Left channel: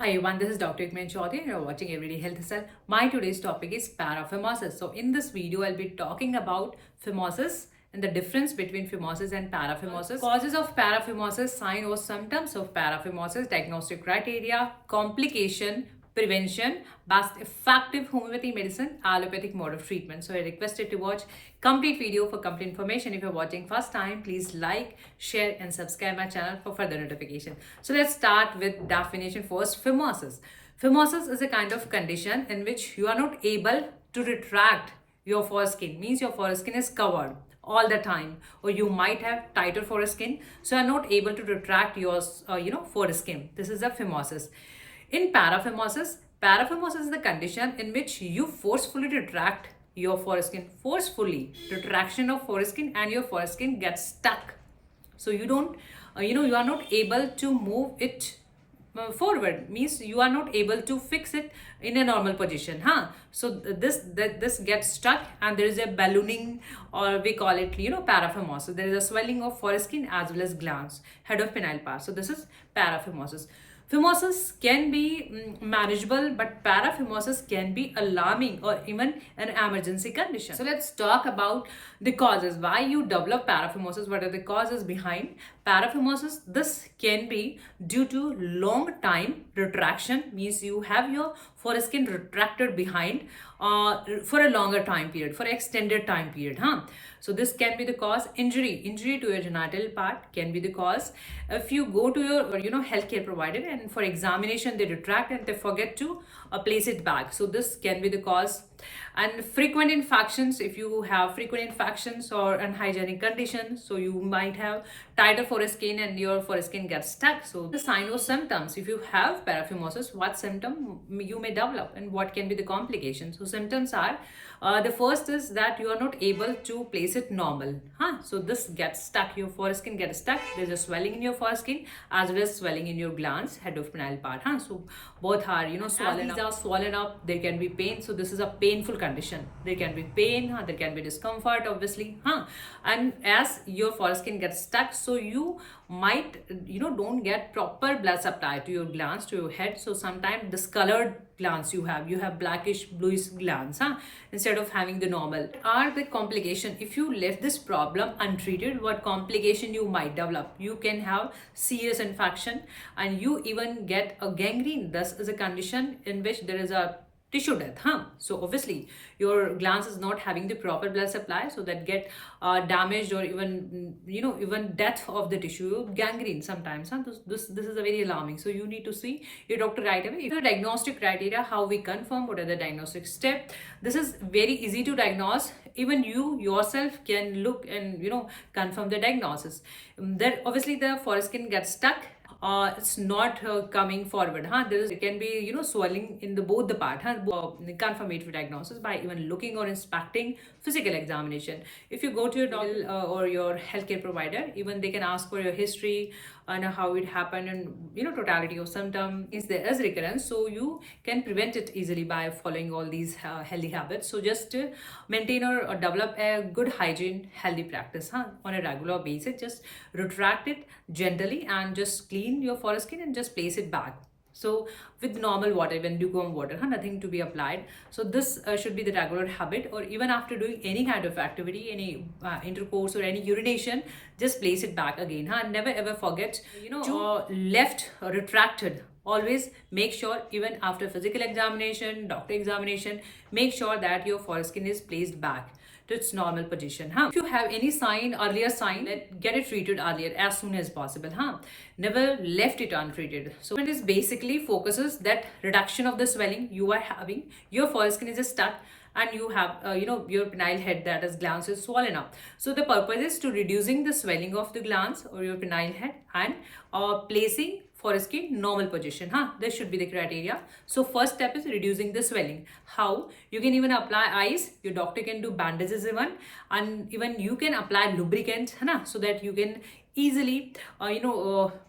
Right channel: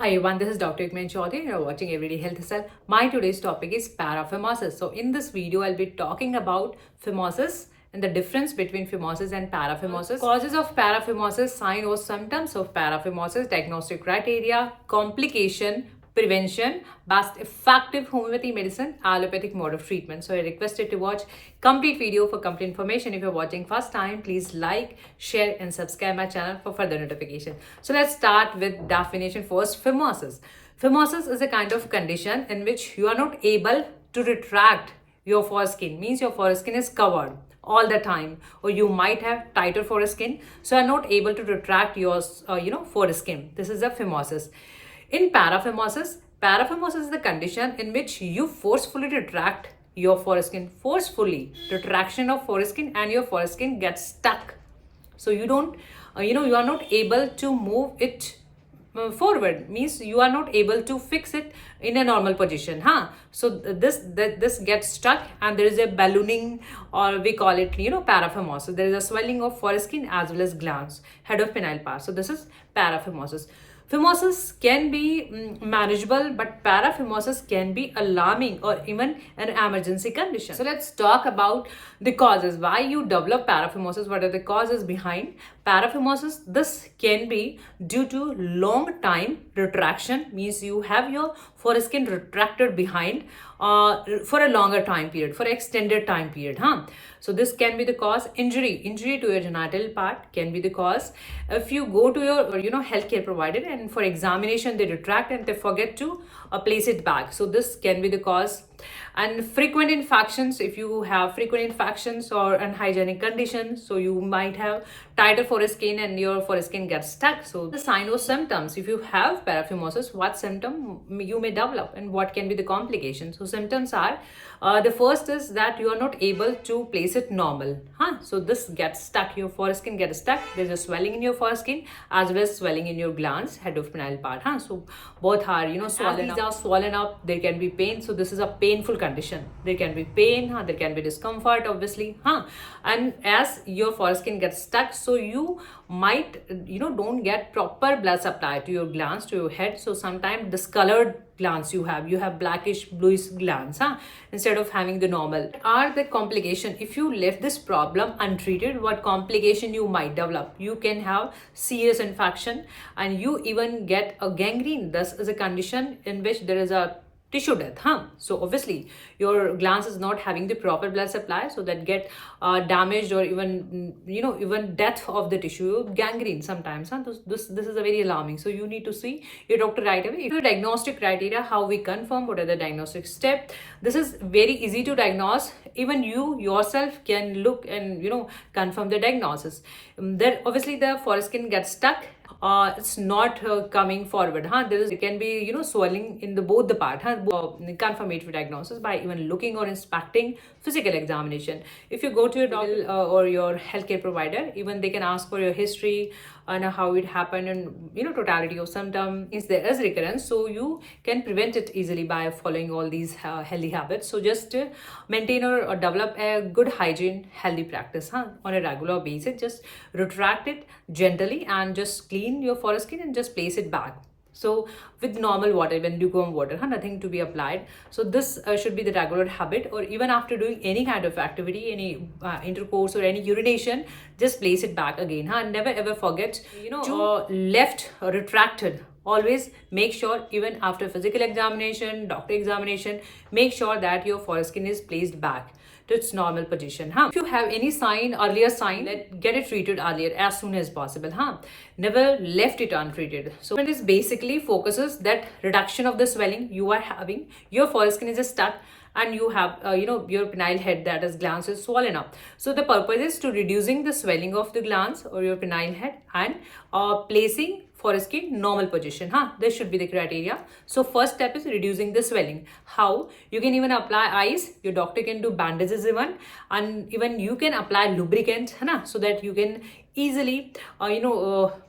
Hi everyone, this is Dr. Ikman Chaudhary and you're watching Everyday Health Style. My today's topic is paraphimosis. So in this video, I'll be talking about phimosis and the difference between phimosis and paraphimosis. Causes of paraphimosis, sign or symptoms of paraphimosis, diagnostic criteria, complication, prevention, best effective homeopathy medicine, allopathic mode of treatment. So I requested to watch complete video for complete information. If you're watching first time, please like, share and subscribe my channel for further notification. So let's start with definition first. Phimosis. Phimosis is a kind of condition in which you are not able to retract your foreskin, means your foreskin is covered all the time, or you might have tighter foreskin, so are not able to retract your foreskin. This is a phimosis. In paraphimosis, paraphimosis is the condition in which you forcefully retract your foreskin, forcefully retraction of foreskin, and your foreskin gets stuck. So you don't, you are not able to move it forward, means you are not able to fix it in a normal position, so this gets stuck and there is a ballooning, or we call it paraphimosis. There is a swelling of foreskin as well as glands, head of penile part. So this is paraphimosis. Phimosis can be manageable, but paraphimosis can be alarming or even an emergency condition. So let's talk about the causes. Why you develop paraphimosis? What are the causes behind paraphimosis? This can be due to long time retraction, means you have your foreskin retracted behind for a longer time period, for extended time period. So this can be the cause. Injury to your genital part can be the cause. If you go to your healthcare provider and for examination they retract and they forget to place it back, so this can be the cause. And frequent infections, if you have frequent infections or unhygienic conditions, so you might have tighter foreskin and your foreskin gets stuck. So the sign or symptoms, if you have paraphimosis, what symptom you may develop and what can be the complications. So symptoms are the first is that you are not able to place it normal. So this gets stuck, your foreskin gets stuck. There's a swelling in your foreskin as well as swelling in your glands, head of penile part. So both are swollen. These are swollen up. There can be pain. So this is a painful condition. There can be pain. There can be discomfort, obviously. And as your foreskin gets stuck, so you might don't get proper blood supply to your glands, to your head. So sometimes discolored glands you have blackish bluish glands, instead of having the normal. Are the complication, if you left this problem untreated, what complication you might develop? You can have serious infection and you even get a gangrene. This is a condition in which there is a tissue death. So obviously your glands is not having the proper blood supply, so that get damaged, or even even death of the tissue, gangrene sometimes. This is a very alarming. So you need to see your doctor right away. If the diagnostic criteria, how we confirm, what are the diagnostic steps? This is very easy to diagnose. Even you yourself can look and confirm the diagnosis. Then obviously the foreskin gets stuck. It's not coming forward. There can be swelling in the both the part. Confirmatory diagnosis by even looking or inspecting physical examination. If you go to your doctor or your healthcare provider, even they can ask for your history and how it happened, and totality of symptom. If there is recurrence, so you can prevent it easily by following all these healthy habits. So just maintain or develop a good hygiene healthy practice on a regular basis. Just retract it gently and just clean your foreskin and just place it back. So with normal water, even lukewarm water, nothing to be applied. So this should be the regular habit. Or even after doing any kind of activity, any intercourse or any urination, just place it back again. Never ever forget, to left retracted. Always make sure, even after physical examination, doctor examination, make sure that your foreskin is placed back to its normal position. If you have any earlier sign, get it treated earlier as soon as possible. Never left it untreated. So it is basically focuses that reduction of the swelling you are having. Your foreskin is stuck and you have your penile head, that is glands, is swollen up. So the purpose is to reducing the swelling of the glands or your penile head and placing foreskin normal position. This should be the criteria. So first step is reducing the swelling. How? You can even apply ice. Your doctor can do bandages even, and even you can apply lubricant, so that you can easily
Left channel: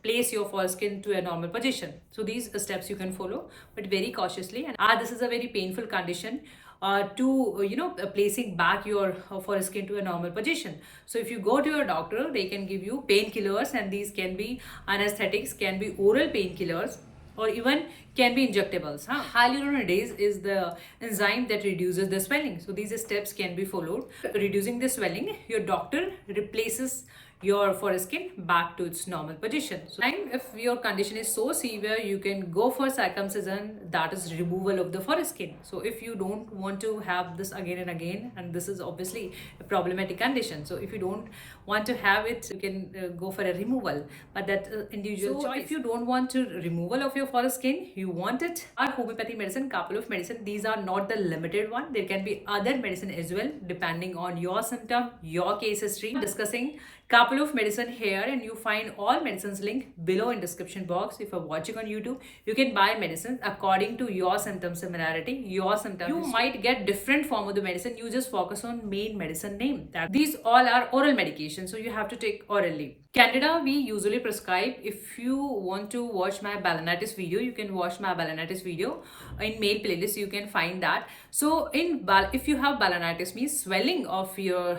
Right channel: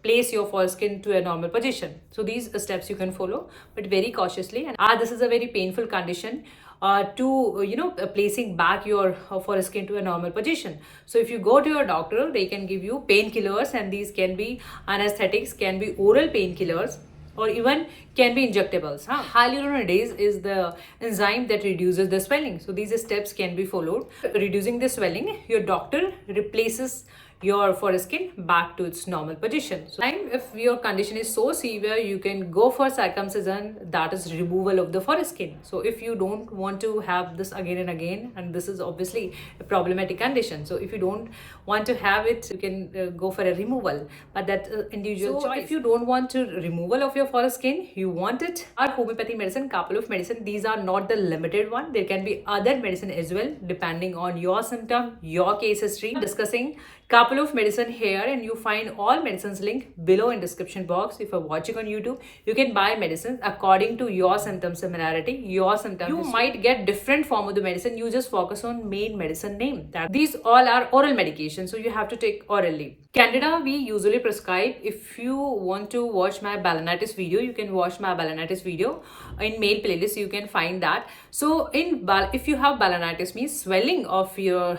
place your foreskin to a normal position. So these steps you can follow, but very cautiously. And this is a very painful condition. Placing back your foreskin to a normal position. So if you go to your doctor, they can give you painkillers, and these can be anesthetics, can be oral painkillers, or even can be injectables. Hyaluronidase is the enzyme that reduces the swelling. So these steps can be followed. Reducing the swelling, your doctor replaces your foreskin back to its normal position. So if your condition is so severe, you can go for circumcision, that is removal of the foreskin. So if you don't want to have this again and again, and this is obviously a problematic condition, so if you don't want to have it, you can go for a removal, but that's individual choice. If you don't want to removal of your foreskin, you want it, our homeopathy medicine, couple of medicine, these are not the limited one. There can be other medicine as well depending on your symptom, your case history. Discussing couple of medicine here, and you find all medicines link below in description box. If you're watching on YouTube, you can buy medicines according to your symptom similarity, your symptom. You might get different form of the medicine. You just focus on main medicine name. That these all are oral medication, so you have to take orally. Candida we usually prescribe. If you want to watch my balanitis video, you can watch my balanitis video in male playlist. You can find that. So if you have balanitis, means swelling of your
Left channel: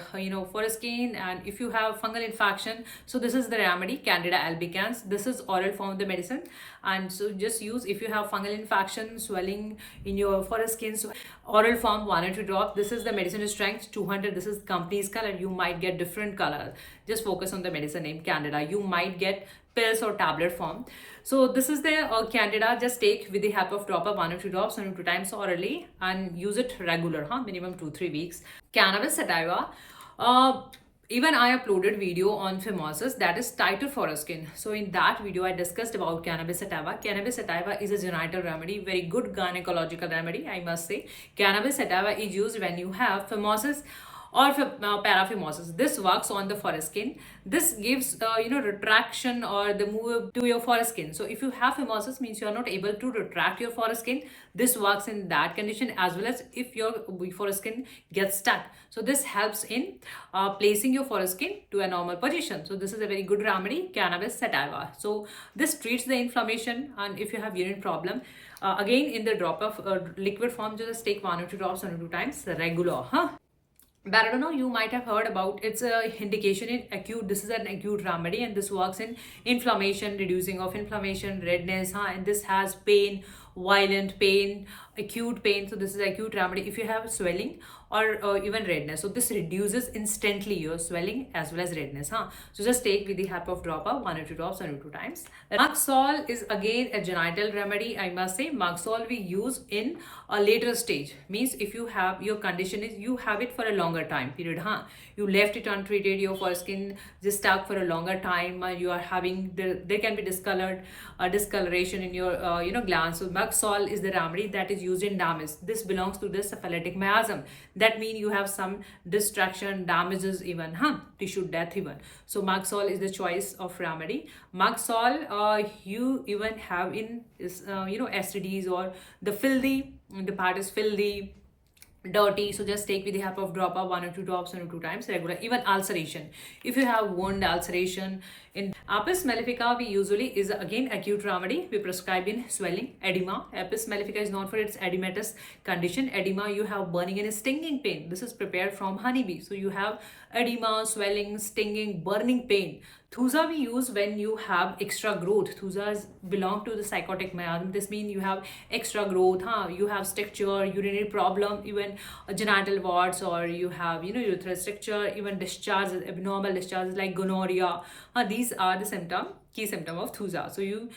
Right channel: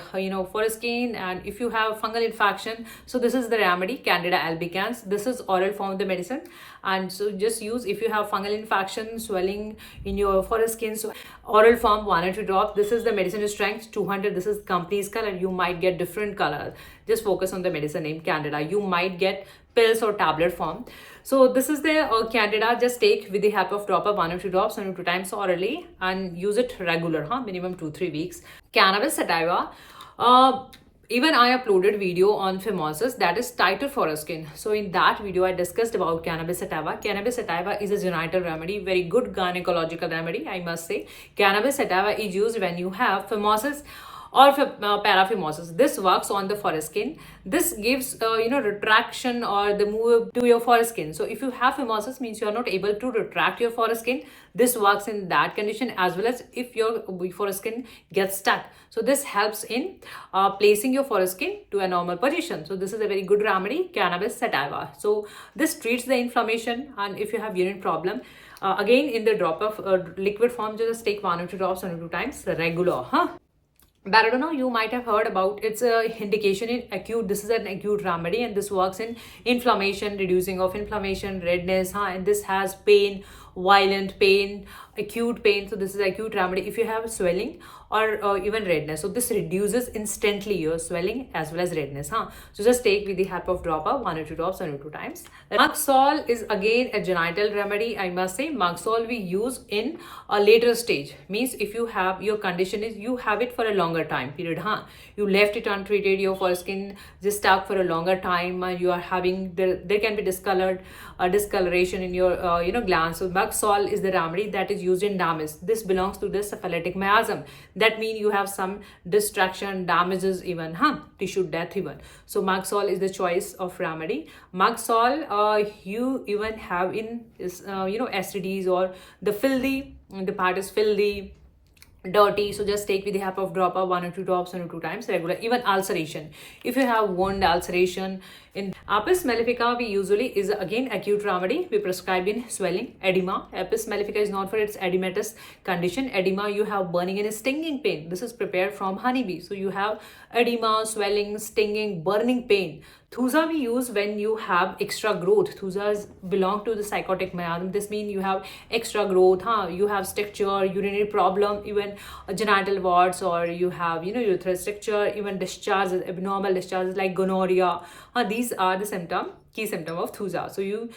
foreskin, and if you have fungal infection, so this is the remedy, Candida albicans. This is oral form of the medicine, and so just use if you have fungal infection, swelling in your foreskin. So oral form 1 or 2 drops. This is the medicine strength 200. This is company's color. You might get different color. Just focus on the medicine name Candida. You might get pills or tablet form. So this is the Candida. Just take with the help of dropper 1 or 2 drops 1 or 2 times orally, and use it regular, minimum 2-3 weeks. Cannabis sativa. Even I uploaded video on phimosis, that is tighter foreskin. So in that video, I discussed about cannabis sativa. Cannabis sativa is a genital remedy, very good gynecological remedy, I must say. Cannabis sativa is used when you have phimosis or paraphimosis. This works on the foreskin. This gives retraction or the move to your foreskin. So if you have phimosis, means you are not able to retract your foreskin. This works in that condition, as well as if your foreskin gets stuck. So this helps in placing your foreskin to a normal position. So this is a very good remedy, cannabis sativa. So this treats the inflammation, and if you have urine problem, again in the drop of liquid form, just take 1 or 2 drops 1 or 2 times regular. Belladonna, you might have heard about. It's a indication in acute. This is an acute remedy, and this works in inflammation, reducing of inflammation, redness, and this has pain, violent pain, acute pain. So this is acute remedy if you have swelling or even redness. So this reduces instantly your swelling as well as redness. So just take with the help of dropper 1 or 2 drops 1 or 2 times. Maxol is again a genital remedy, I must say. Maxol we use in a later stage, means if you have your condition is you have it for a longer time period. You left it untreated, your foreskin just stuck for a longer time, and you are having there can be discoloration in your glands. So Maxol is the remedy that is used in damage. This belongs to the syphilitic miasm. That means you have some destruction, damages, even tissue death even. So Maxol is the choice of remedy. Maxol you even have in STDs or the part is filthy, dirty. So just take with the help of dropper 1 or 2 drops 1 or 2 times regular. Even ulceration, if you have wound ulceration. In Apis mellifica we usually is again acute remedy. We prescribe in swelling, edema. Apis mellifica is not for its edematous condition. Edema, you have burning and stinging pain. This is prepared from honeybee. So you have edema, swelling, stinging, burning pain. Thuja we use when you have extra growth. Thujas belong to the psychotic miasm. This means you have extra growth, you have stricture, urinary problem, even genital warts, or you have urethral stricture, even discharges, abnormal discharges like gonorrhea. These are the key symptom of Thuja. So you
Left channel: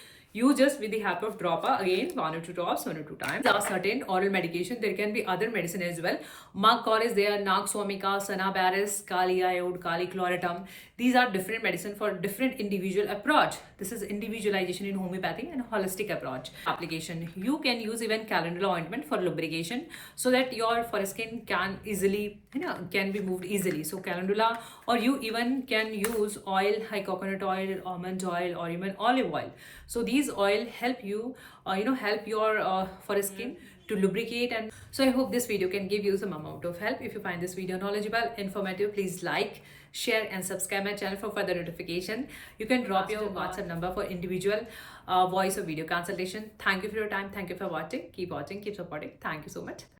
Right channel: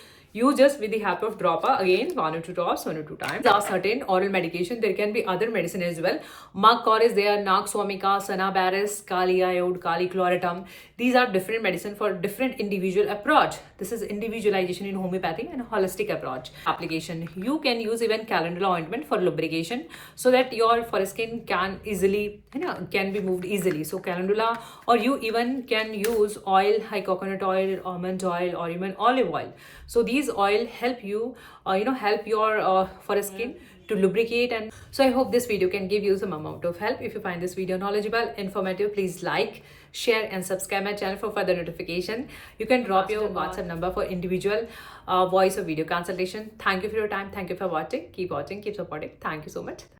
just with the help of dropper again 1 or 2 drops 1 or 2 times. There are certain oral medication. There can be other medicine as well. Magcol is there, Naxomica, Sanabaris, Kali iode, Kali chlorotum. These are different medicine for different individual approach. This is individualization in homeopathy and holistic approach. Application, you can use even calendula ointment for lubrication, so that your foreskin can easily can be moved easily. So calendula, or you even can use oil, high coconut oil, almond oil, or even olive oil. So these oil help you help your foreskin to lubricate. And so I hope this video can give you some amount of help. If you find this video knowledgeable, informative, please like, share and subscribe my channel for further notification. You can drop your WhatsApp number for individual voice or video consultation. Thank you for your time. Thank you for watching. Keep watching, keep supporting. Thank you so much.